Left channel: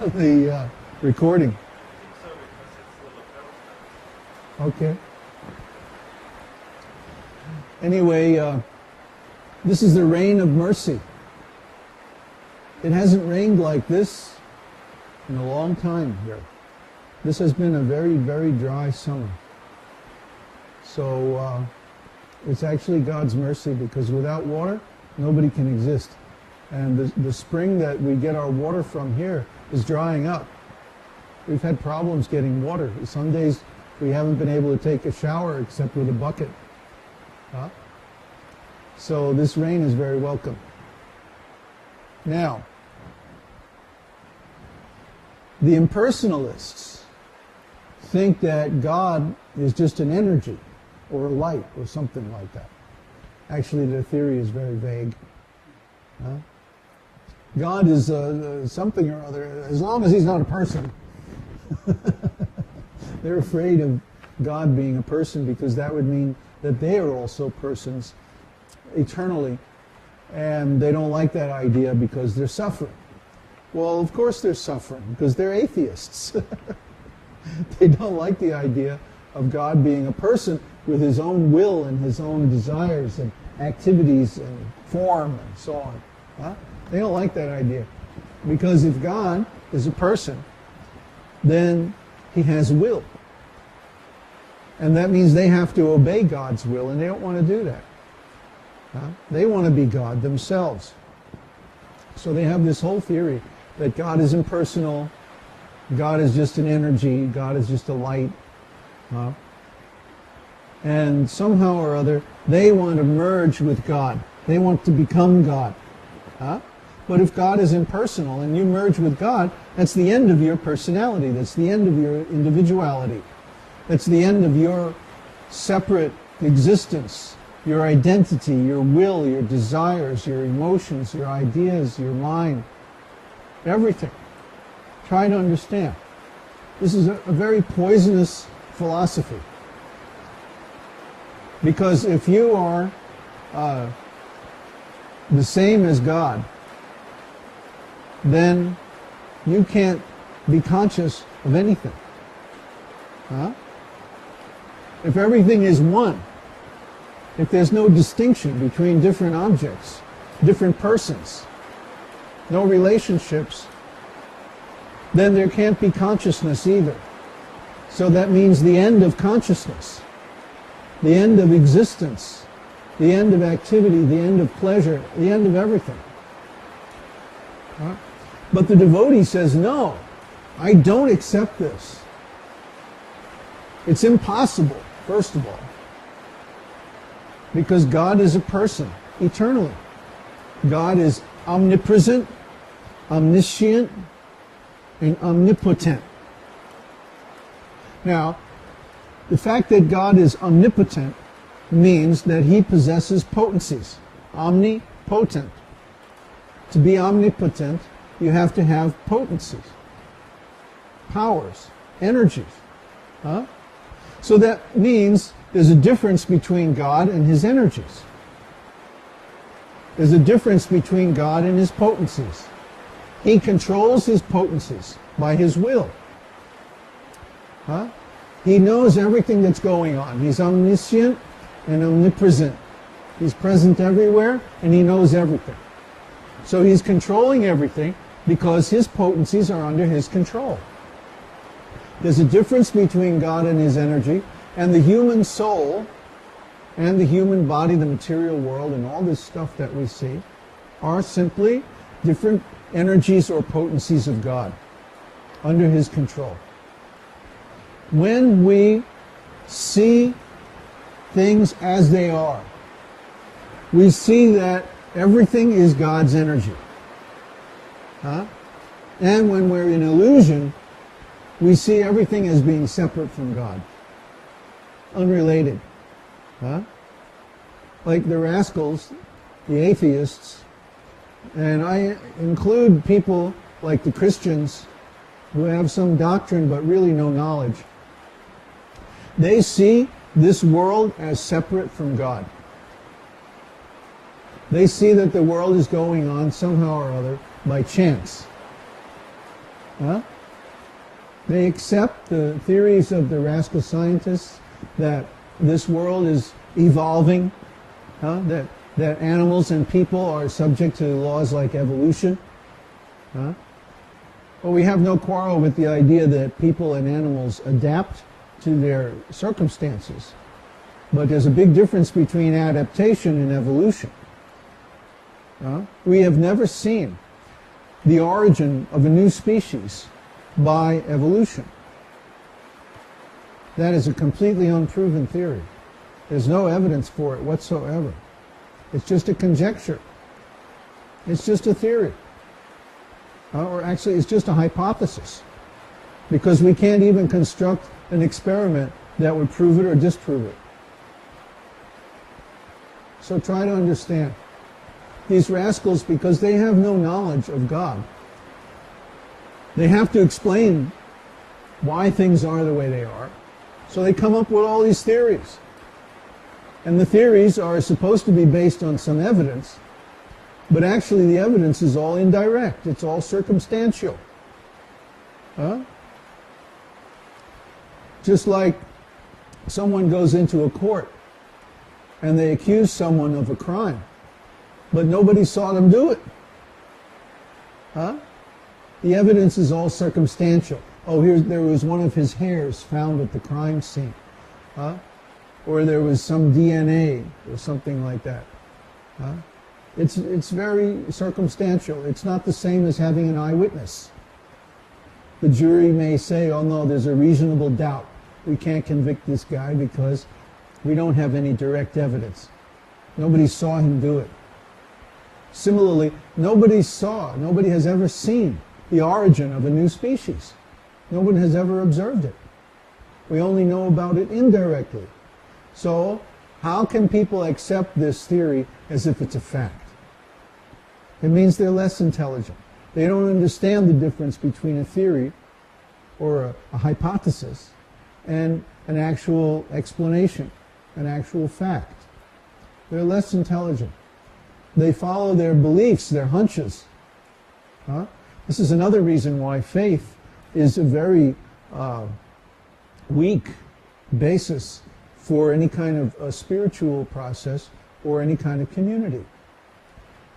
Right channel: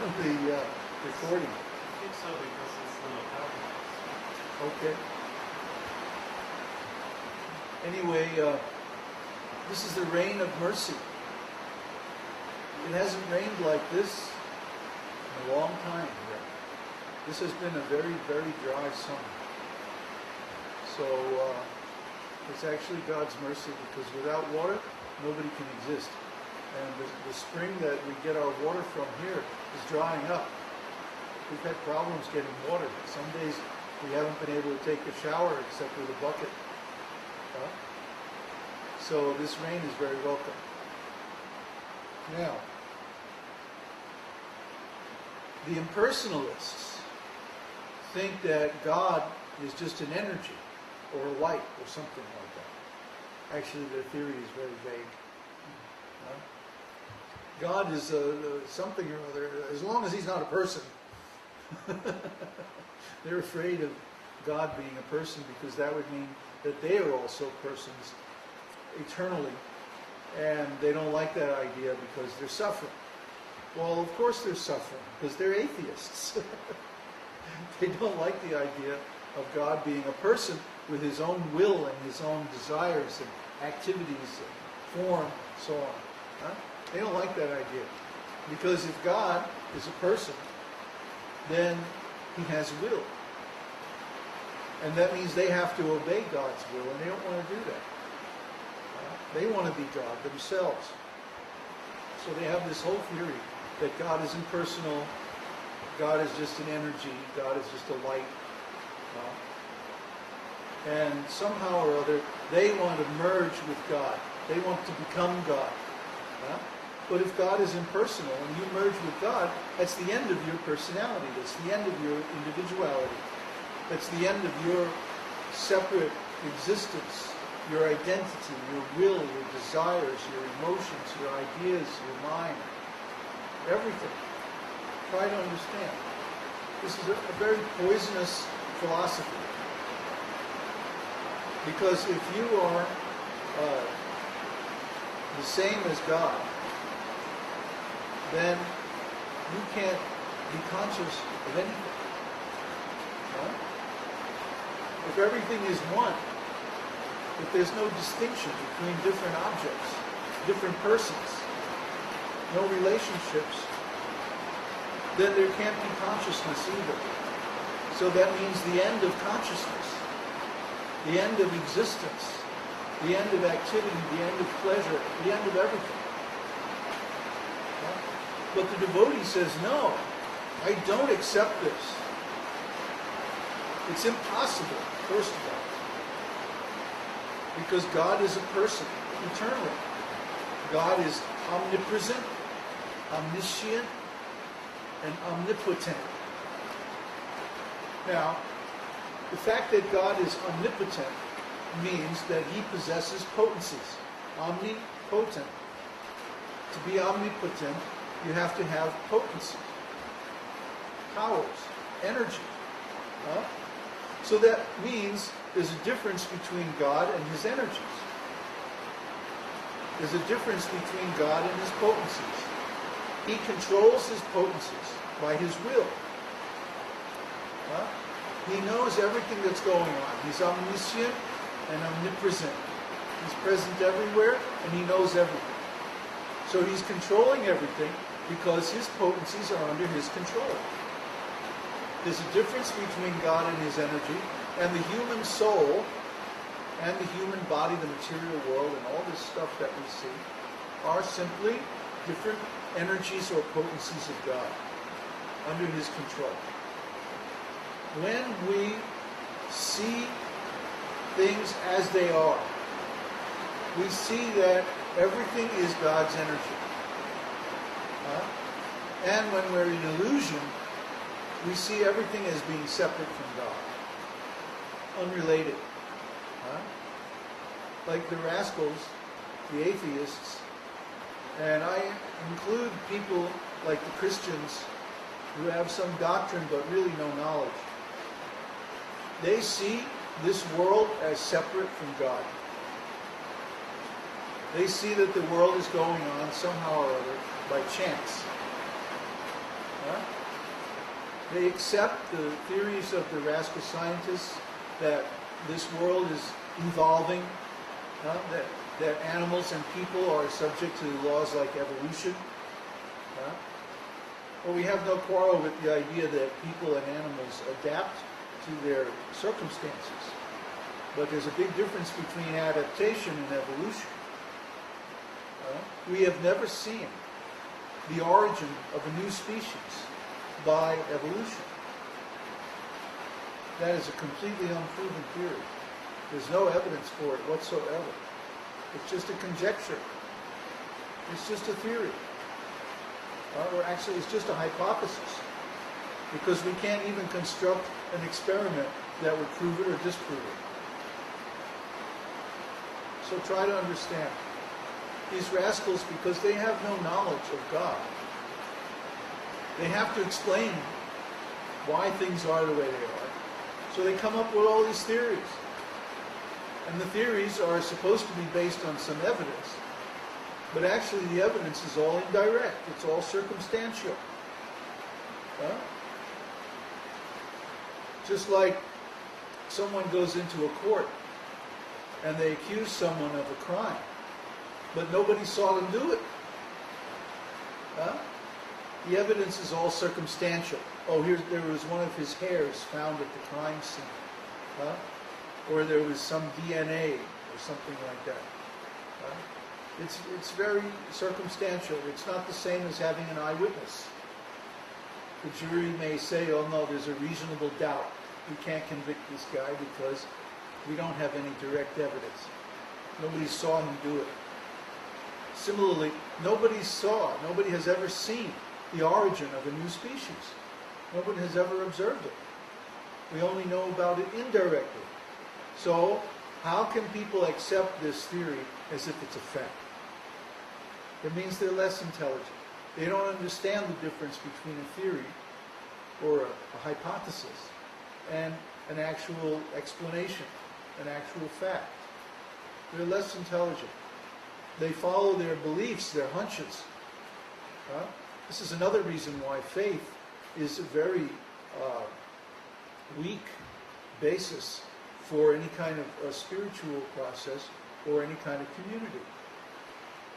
the recording. I think so, because it's a little Okay. Anyway, this is the rain of mercy. It hasn't rained like this in a long time here. This has been a very, very dry summer. So it's actually God's mercy, because without water, nobody can exist. And the spring that we get our water from here is drying up. We've had problems getting water. Some days we haven't been able to take a shower except with a bucket. Huh? So this rain is very welcome. Now, the impersonalists think that God is just an energy or a light or something like that. Actually, their theory is very vague. Huh? God is something or other, as long as he's not a person. They're afraid of God being a person, because that would mean that they are also persons eternally. And they don't like that idea because they're suffering. Well, of course they're suffering, because they're atheists. They don't like the idea of God being a person with his own will and his own desires and activities and form and so on. Huh? They don't like that idea. Because if God is a person, then he has will. And that means they have to obey God's will, and they don't want to do that. Huh? They want to be God themselves. So they have this whole theory that God is impersonal, God is just an energy, God is just a light. Huh? And somehow or other, they want to merge with God. They want to become God. Huh? But if God is impersonal and you merge with God, that's the end of your personality. That's the end of your individuality. That's the end of your separate existence, your identity, your will, your desires, your emotions, your ideas, your mind, everything. Try to understand. This is a very poisonous philosophy. Because if you are the same as God, then you can't be conscious of anything. Huh? If everything is one, if there's no distinction between different objects, different persons, no relationships, then there can't be consciousness either. So that means the end of consciousness, the end of existence, the end of activity, the end of pleasure, the end of everything. Huh? But the devotee says, no, I don't accept this. It's impossible, first of all, because God is a person, eternally. God is omnipresent, omniscient, and omnipotent. Now, the fact that God is omnipotent means that he possesses potencies, omnipotent. To be omnipotent, you have to have potencies, powers, energies. Huh? So that means there's a difference between God and his energies. There's a difference between God and his potencies. He controls his potencies by his will. Huh? He knows everything that's going on. He's omniscient and omnipresent. He's present everywhere, and he knows everything. So he's controlling everything because his potencies are under his control. There's a difference between God and his energy, and the human soul and the human body, the material world, and all this stuff that we see are simply different energies or potencies of God under his control. When we see things as they are, we see that everything is God's energy. Huh? And when we're in illusion, we see everything as being separate from God, unrelated. Huh? Like the rascals, the atheists, and I include people like the Christians who have some doctrine but really no knowledge. They see this world as separate from God. They see that the world is going on somehow or other by chance. Huh? They accept the theories of the rascal scientists that this world is evolving, that animals and people are subject to laws like evolution. But we have no quarrel with the idea that people and animals adapt to their circumstances. But there's a big difference between adaptation and evolution. We have never seen the origin of a new species by evolution. That is a completely unproven theory. There's no evidence for it whatsoever. It's just a conjecture. It's just a theory. Or actually, it's just a hypothesis. Because we can't even construct an experiment that would prove it or disprove it. So try to understand. These rascals, because they have no knowledge of God, they have to explain why things are the way they are. So they come up with all these theories. And the theories are supposed to be based on some evidence, but actually the evidence is all indirect. It's all circumstantial. Just like someone goes into a court and they accuse someone of a crime, but nobody saw them do it. The evidence is all circumstantial. Oh, there was one of his hairs found at the crime scene. Or there was some DNA or something like that. It's very circumstantial. It's not the same as having an eyewitness. The jury may say, oh no, there's a reasonable doubt. We can't convict this guy because we don't have any direct evidence. Nobody saw him do it. Similarly, nobody has ever seen the origin of a new species. No one has ever observed it. We only know about it indirectly. So, how can people accept this theory as if it's a fact? It means they're less intelligent. They don't understand the difference between a theory or a hypothesis and an actual explanation, an actual fact. They're less intelligent. They follow their beliefs, their hunches. This is another reason why faith is a very weak basis for any kind of a spiritual process or any kind of community.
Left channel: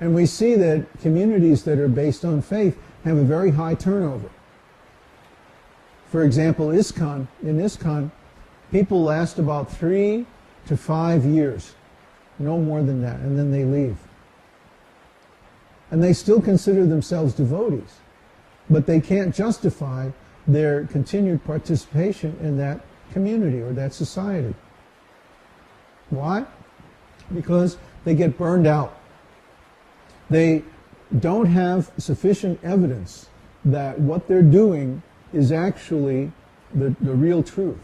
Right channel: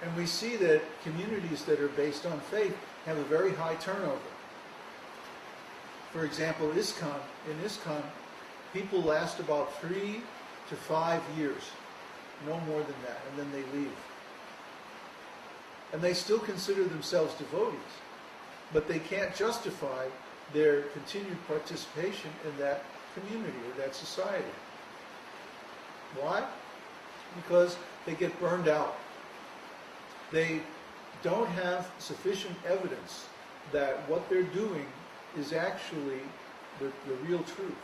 And we see that communities that are based on faith have a very high turnover. For example, in ISKCON, people last about 3 to 5 years, no more than that, and then they leave. And they still consider themselves devotees, but they can't justify their continued participation in that community or that society. Why? Because they get burned out. They don't have sufficient evidence that what they're doing is actually the real truth.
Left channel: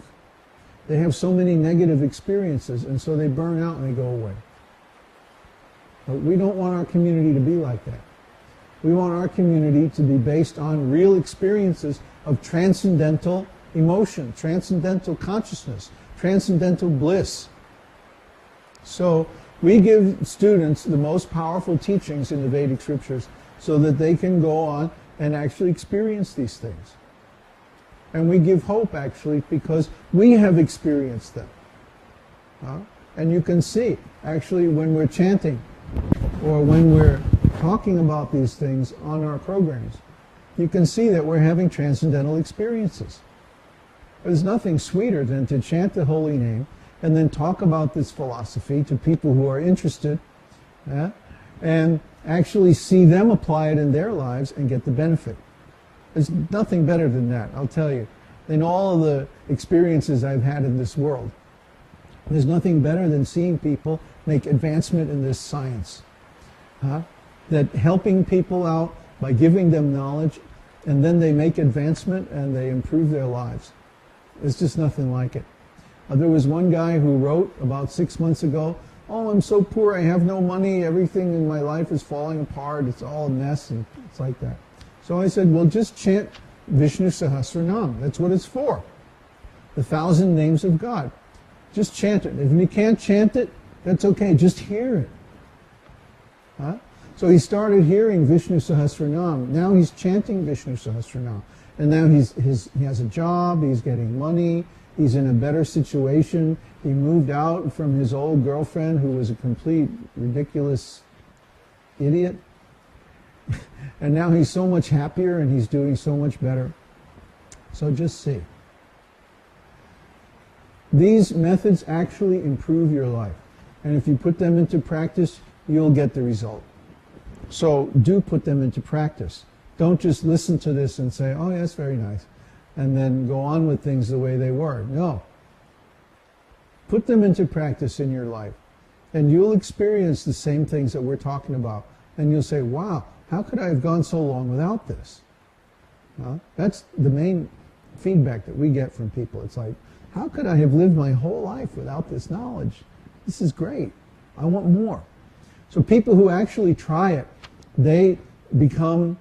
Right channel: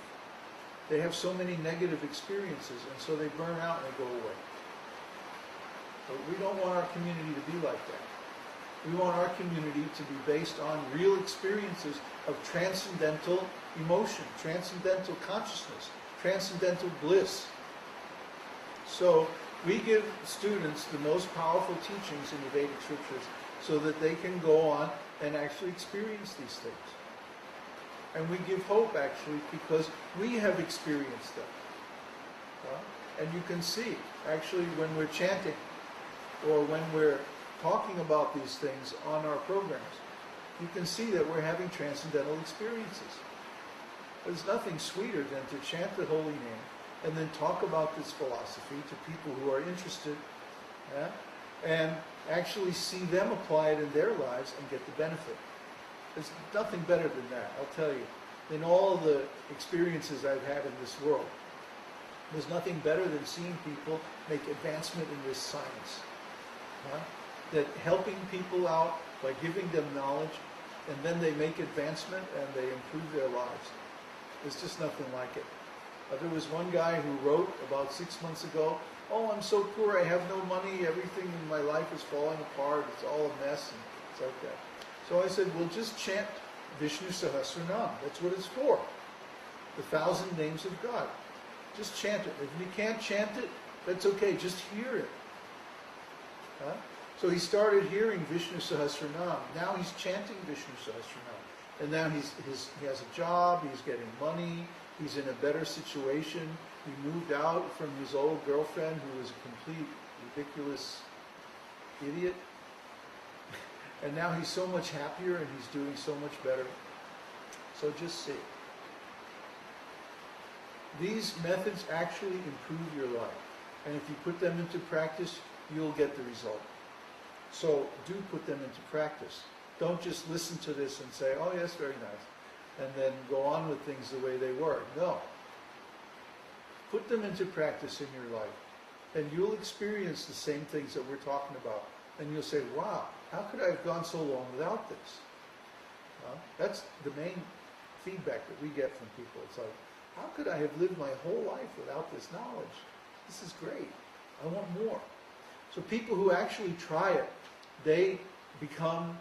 They have so many negative experiences, and so they burn out and they go away. But we don't want our community to be like that. We want our community to be based on real experiences of transcendental emotion, transcendental consciousness, transcendental bliss. So we give students the most powerful teachings in the Vedic scriptures so that they can go on and actually experience these things. And we give hope, actually, because we have experienced them. And you can see, actually, when we're chanting or when we're talking about these things on our programs, you can see that we're having transcendental experiences. There's nothing sweeter than to chant the holy name and then talk about this philosophy to people who are interested, and actually see them apply it in their lives and get the benefit. There's nothing better than that, I'll tell you. In all of the experiences I've had in this world, there's nothing better than seeing people make advancement in this science. That helping people out by giving them knowledge, and then they make advancement and they improve their lives. There's just nothing like it. There was one guy who wrote about 6 months ago, oh, I'm so poor, I have no money, everything in my life is falling apart, it's all a mess, and it's like that. So I said, well, just chant Vishnu Sahasranam. That's what it's for. The 1,000 names of God. Just chant it. If you can't chant it, that's okay. Just hear it. So he started hearing Vishnu Sahasranam. Now he's chanting Vishnu Sahasranam. And now he has a job, he's getting money, he's in a better situation. He moved out from his old girlfriend who was a complete ridiculous idiot. And now he's so much happier and he's doing so much better. So just see. These methods actually improve your life. And if you put them into practice, you'll get the result. So do put them into practice. Don't just listen to this and say, oh, that's very nice, and then go on with things the way they were. No. Put them into practice in your life, and you'll experience the same things that we're talking about. And you'll say, wow, how could I have gone so long without this? Well, that's the main feedback that we get from people. It's like, how could I have lived my whole life without this knowledge? This is great. I want more. So people who actually try it, they become